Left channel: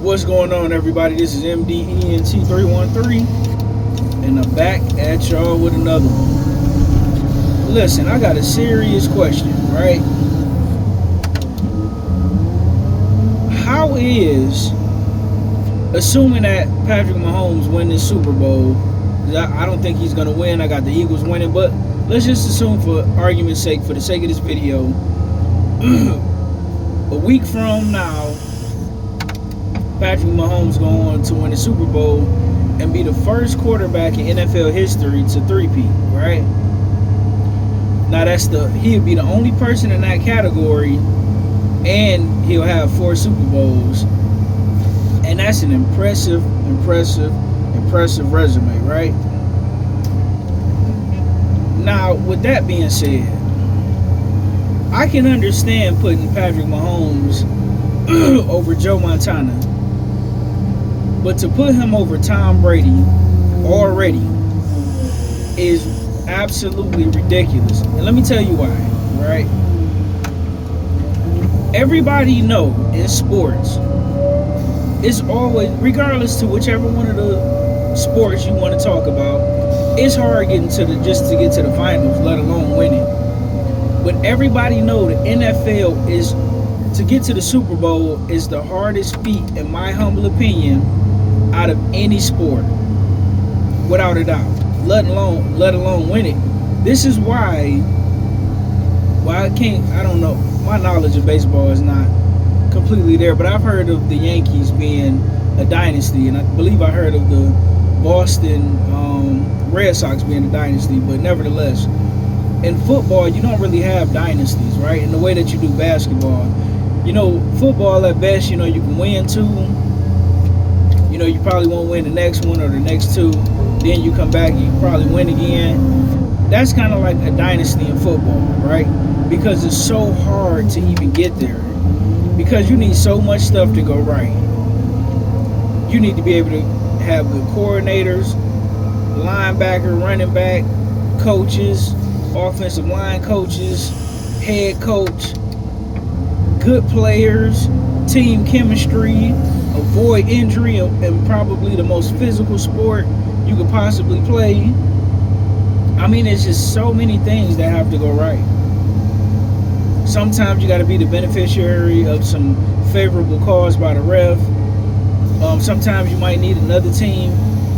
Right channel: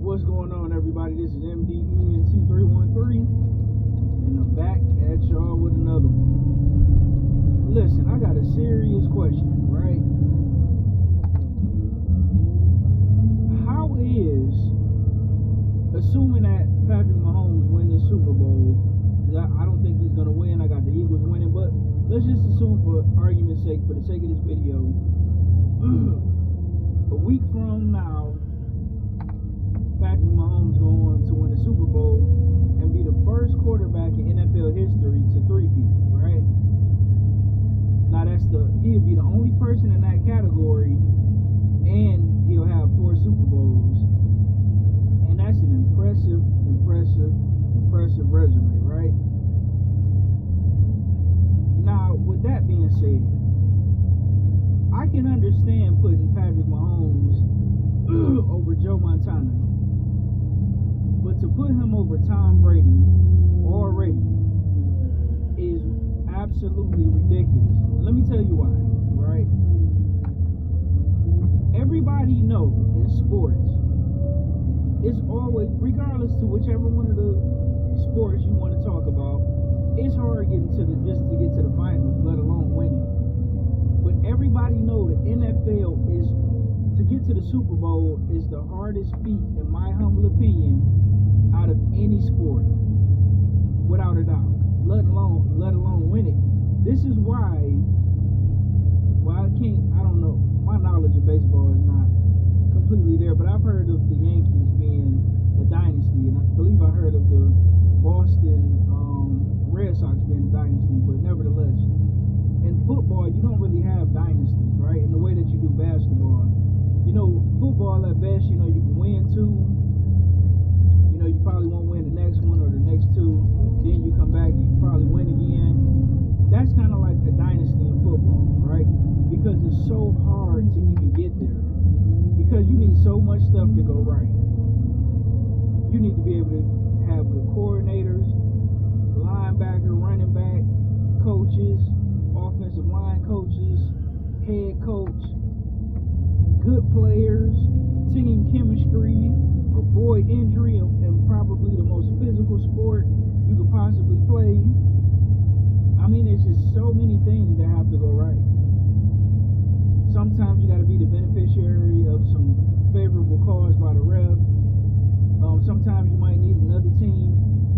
What's going on, everybody? This is MDENT313, and I'm back at y'all with another one. Listen, I got a serious question, right? How is, assuming that Patrick Mahommes win this Super Bowl, I don't think he's going to win. I got the Eagles winning, but let's just assume, for argument's sake, for the sake of this video, a week from now, Patrick Mahommes going on to win the Super Bowl and be the first quarterback in NFL history to three-peat, right? Now he'll be the only person in that category, and he'll have 4 Super Bowls, and that's an impressive resume, right? Now, with that being said, I can understand putting Patrick Mahommes over Joe Montana, but to put him over Tom Brady already is absolutely ridiculous. And let me tell you why, right? Everybody know in sports, it's always, regardless to whichever one of the sports you want to talk about, it's hard getting just to get to the finals, let alone winning. But everybody know the NFL is, to get to the Super Bowl is the hardest feat, in my humble opinion, out of any sport, without a doubt. Let alone win it. This is why I don't know. My knowledge of baseball is not completely there, but I've heard of the Yankees being a dynasty, and I believe I heard of the Boston Red Sox being a dynasty. But nevertheless, in football, you don't really have dynasties, right? In the way that you do basketball. Football at best, you can win 2. You probably won't win the next one or the next 2. Then you come back, you probably win again. That's kind of like a dynasty in football, right? Because it's so hard to even get there. Because you need so much stuff to go right. You need to be able to have good coordinators, linebacker, running back, coaches, offensive line coaches, head coach, good players, team chemistry, avoid injury, and probably the most physical sport you could possibly play. I mean, it's just so many things that have to go right. Sometimes you got to be the beneficiary of some favorable calls by the ref. Sometimes you might need another team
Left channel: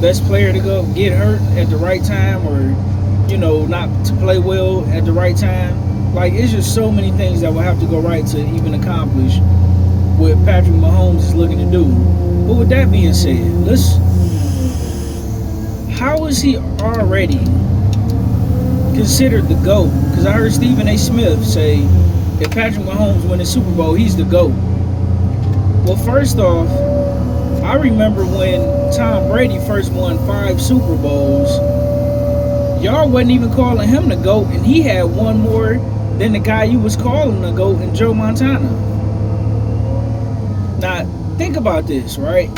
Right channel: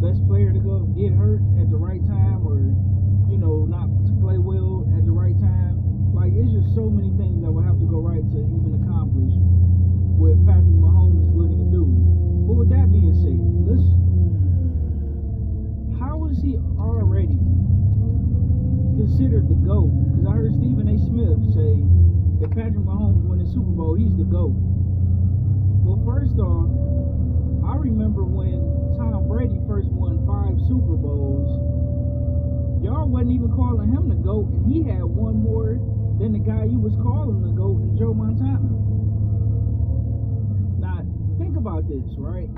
best player to go get hurt at the right time, or not to play well at the right time. Like, it's just so many things that will have to go right to even accomplish what Patrick Mahommes is looking to do. But with that being said, how is he already considered the GOAT? Because I heard Stephen A. Smith say, if Patrick Mahommes wins the Super Bowl, he's the GOAT. Well, first off, I remember when Tom Brady first won 5 Super Bowls, y'all wasn't even calling him the GOAT, and he had one more than the guy you was calling the GOAT, and Joe Montana. Now, think about this, right?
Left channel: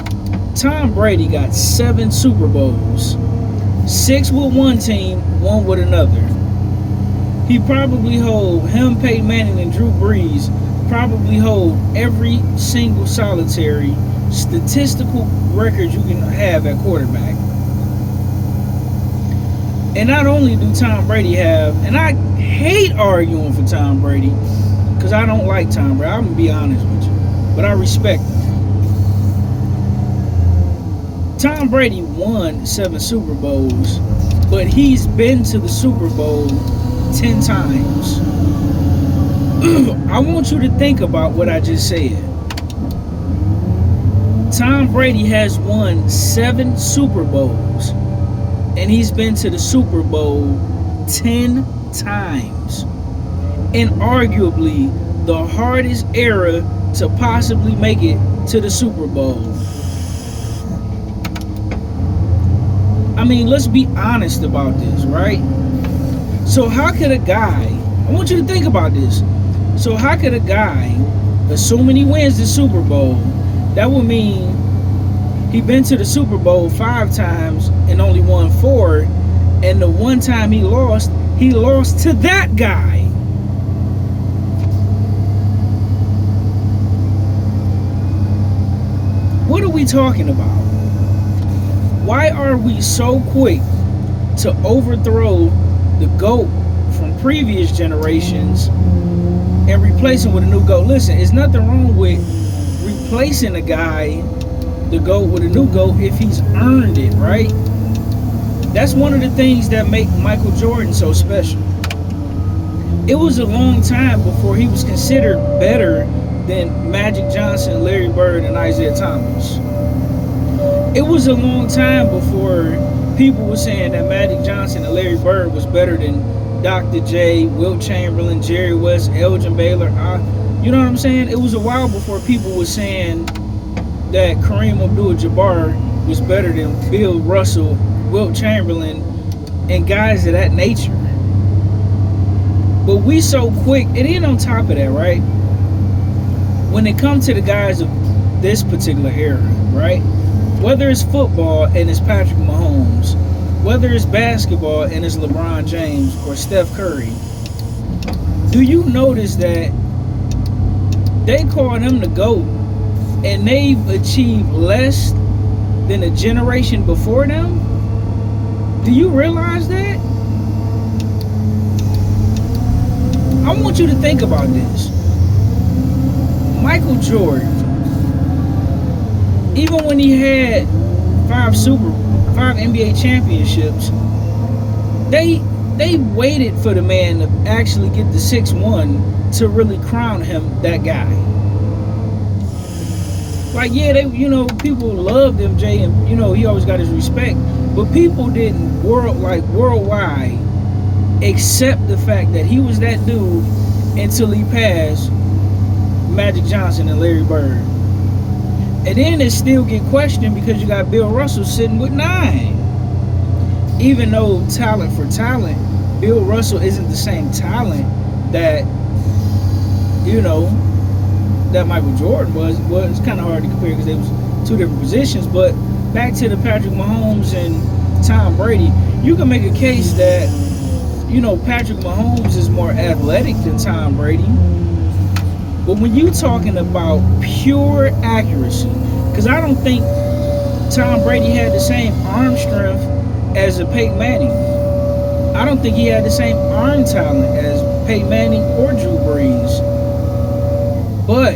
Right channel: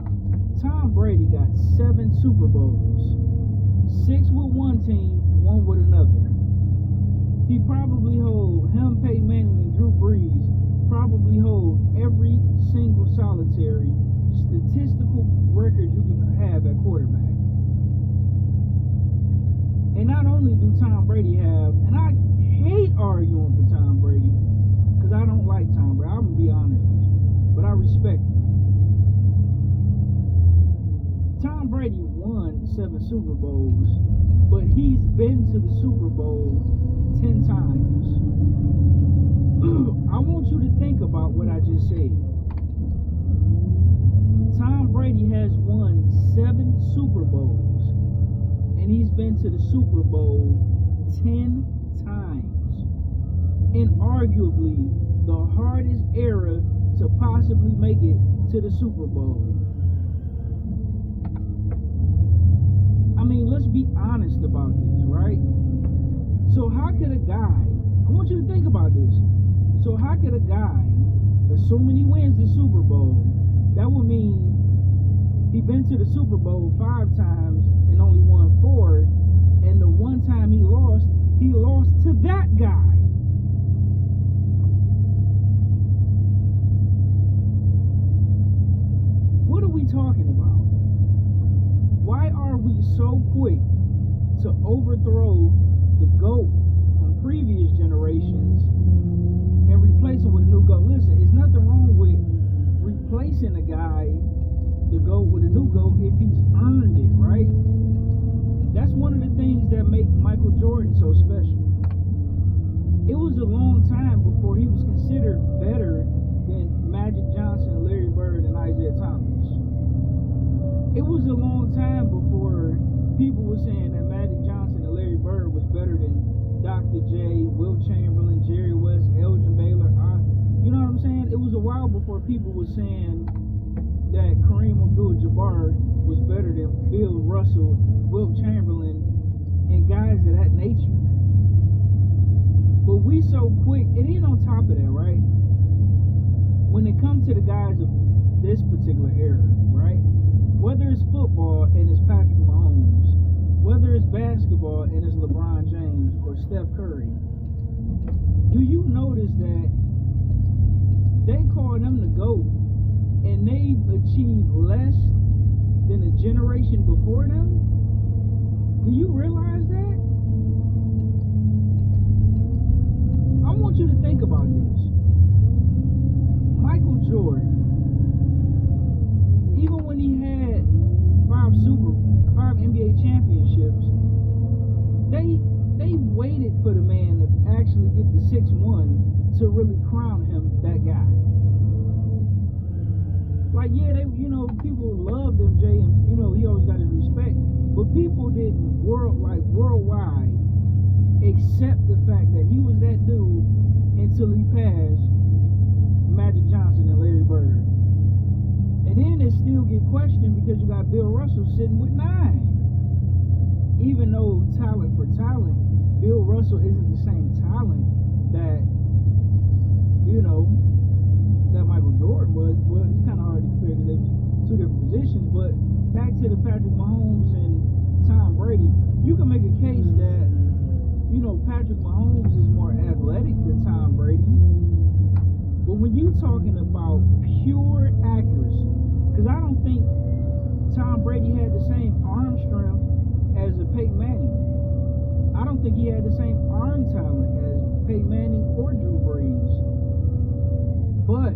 Tom Brady got 7 Super Bowls. 6 with one team, 1 with another. He probably him, Peyton Manning, and Drew Brees probably hold every single solitary statistical record you can have at quarterback. And not only do Tom Brady have, and I hate arguing for Tom Brady, because I don't like Tom Brady, I'm going to be honest with you, but I respect him. Tom Brady won 7 Super Bowls, but he's been to the Super Bowl 10 times. I want you to think about what I just said. Tom Brady has won 7 Super Bowls, and he's been to the Super Bowl 10 times. And arguably the hardest era to possibly make it to the Super Bowl. I mean, let's be honest about this, right? So how could a guy, I want you to think about this. So how could a guy, assuming he wins the Super Bowl, that would mean he been to the Super Bowl 5 times and only won 4, and the one time he lost to that guy. we talking about? Why are we so quick to overthrow the GOAT from previous generations and replace him with a new GOAT? Listen, there's nothing wrong with replacing a guy, the GOAT, with a new GOAT if he's earned it, right? That's one of the things that make Michael Jordan so special. It was a long time before he was considered better than Magic Johnson, Larry Bird, and Isaiah Thomas. It was a long time before people were saying that Magic Johnson and Larry Bird was better than Dr. J, Wilt Chamberlain, Jerry West, Elgin Baylor. You know what I'm saying? It was a while before people were saying that Kareem Abdul-Jabbar was better than Bill Russell, Wilt Chamberlain, and guys of that nature. But we so quick, and then on top of that, right? When it comes to the guys of this particular era, right? Whether it's football and it's Patrick Mahommes, whether it's basketball and it's LeBron James or Steph Curry, do you notice that they call them the GOAT and they've achieved less than a generation before them? Do you realize that? I want you to think about this. Michael Jordan, even when he had five NBA championships, they waited for the man to actually get the 6-1 to really crown him that guy. Like, yeah, people loved MJ and, he always got his respect, but people didn't worldwide accept the fact that he was that dude until he passed Magic Johnson and Larry Bird. And then it still get questioned because you got Bill Russell sitting with 9. Even though talent for talent, Bill Russell isn't the same talent that, that Michael Jordan was. Well, it's kind of hard to compare because they was two different positions. But back to the Patrick Mahommes and Tom Brady, you can make a case that, Patrick Mahommes is more athletic than Tom Brady. But when you talking about pure accuracy, because I don't think Tom Brady had the same arm strength as a Peyton Manning. I don't think he had the same arm talent as Peyton Manning or Drew Brees. But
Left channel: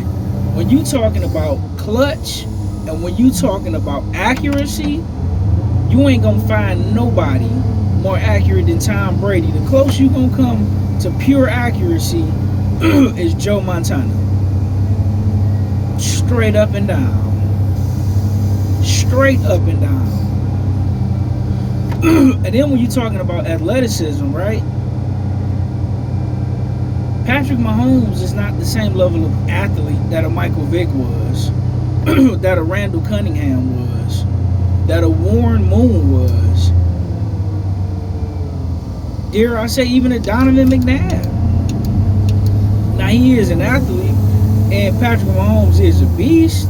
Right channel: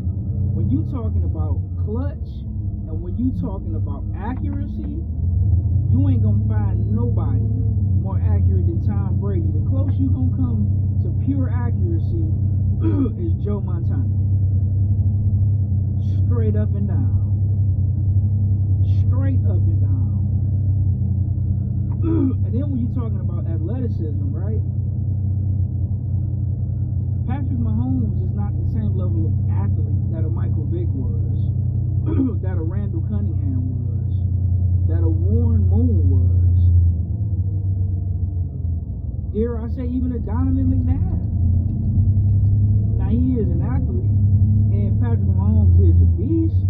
when you talking about clutch and when you talking about accuracy, you ain't gonna find nobody more accurate than Tom Brady. The closest you gonna come to pure accuracy is Joe Montana. Straight up and down. Straight up and down. And then when you're talking about athleticism, right? Patrick Mahommes is not the same level of athlete that a Michael Vick was, that a Randall Cunningham was, that a Warren Moon was. Dare I say even a Donovan McNabb. Now he is an athlete, and Patrick Mahommes is a beast.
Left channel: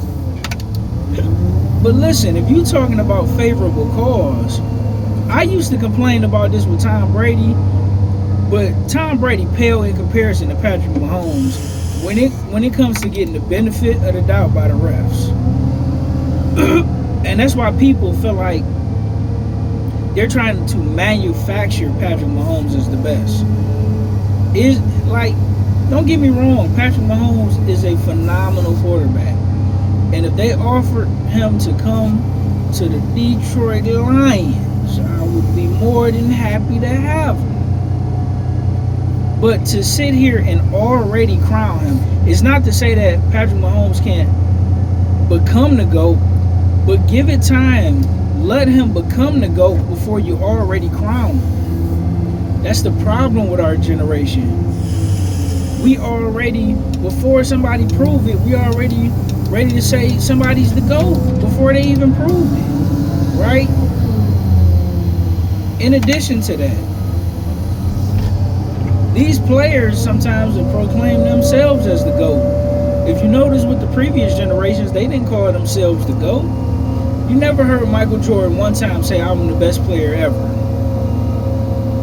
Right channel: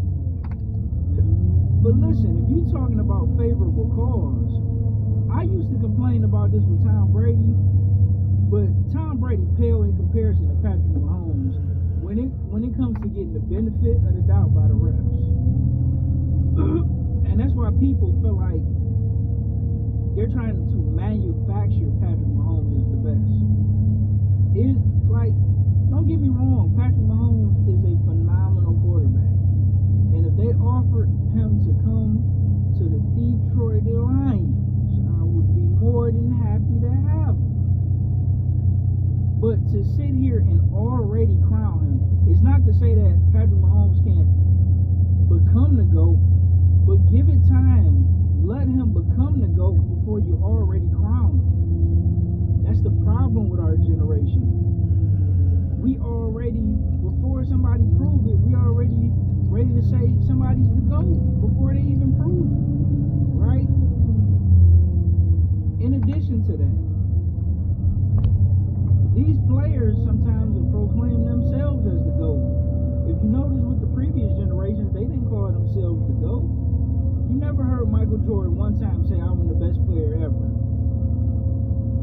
But listen, if you're talking about favorable cause, I used to complain about this with Tom Brady, but Tom Brady pale in comparison to Patrick Mahommes when it comes to getting the benefit of the doubt by the refs. And that's why people feel like they're trying to manufacture Patrick Mahommes as the best. Don't get me wrong, Patrick Mahommes is a phenomenal quarterback. And if they offered him to come to the Detroit Lions, I would be more than happy to have him. But to sit here and already crown him, it's not to say that Patrick Mahommes can't become the GOAT, but give it time. Let him become the GOAT before you already crown him. That's the problem with our generation. We already, before somebody prove it, we already ready to say somebody's the GOAT before they even prove it, right? In addition to that, these players sometimes will proclaim themselves as the GOAT. If you notice with the previous generations, they didn't call themselves the GOAT. You never heard Michael Jordan one time say, I'm the best player ever.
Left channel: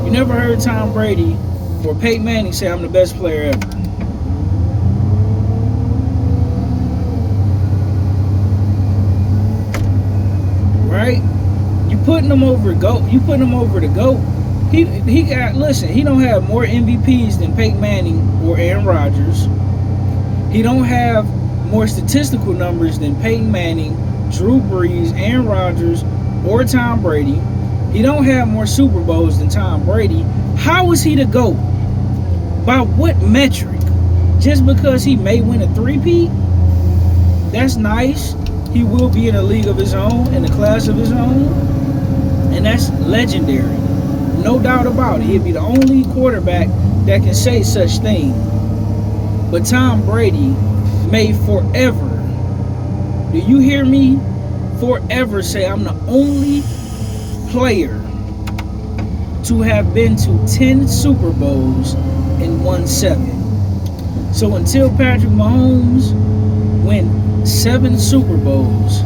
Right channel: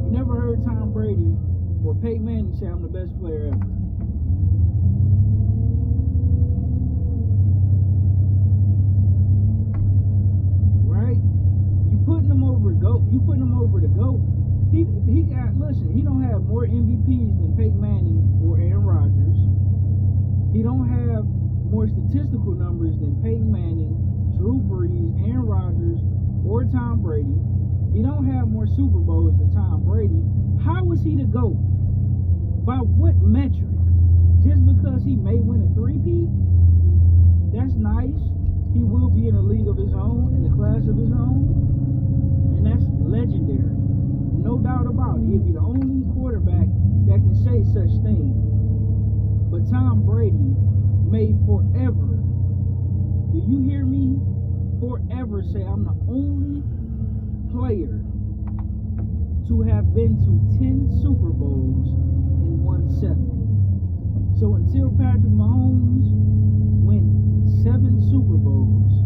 You never heard Tom Brady or Peyton Manning say, I'm the best player ever. putting him over GOAT. You putting him over the GOAT. He got, listen, he don't have more MVPs than Peyton Manning or Aaron Rodgers. He don't have more statistical numbers than Peyton Manning, Drew Brees, Aaron Rodgers, or Tom Brady. He don't have more Super Bowls than Tom Brady. How is he the GOAT? By what metric? Just because he may win a three-peat? That's nice. He will be in a league of his own, in a class of his own. And that's legendary. No doubt about it. He'd be the only quarterback that can say such thing. But Tom Brady may forever, do you hear me? Forever say, I'm the only player to have been to 10 Super Bowls and won 7. So until Patrick Mahommes win 7 Super Bowls,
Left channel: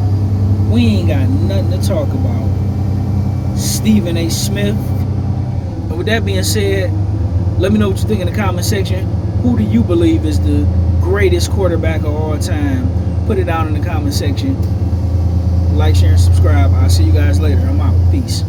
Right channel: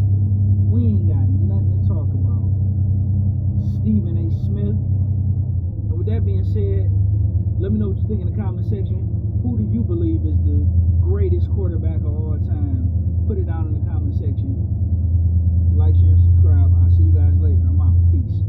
we ain't got nothing to talk about. Stephen A. Smith. And with that being said, let me know what you think in the comment section. Who do you believe is the greatest quarterback of all time? Put it down in the comment section. Like, share, and subscribe. I'll see you guys later. I'm out. Peace.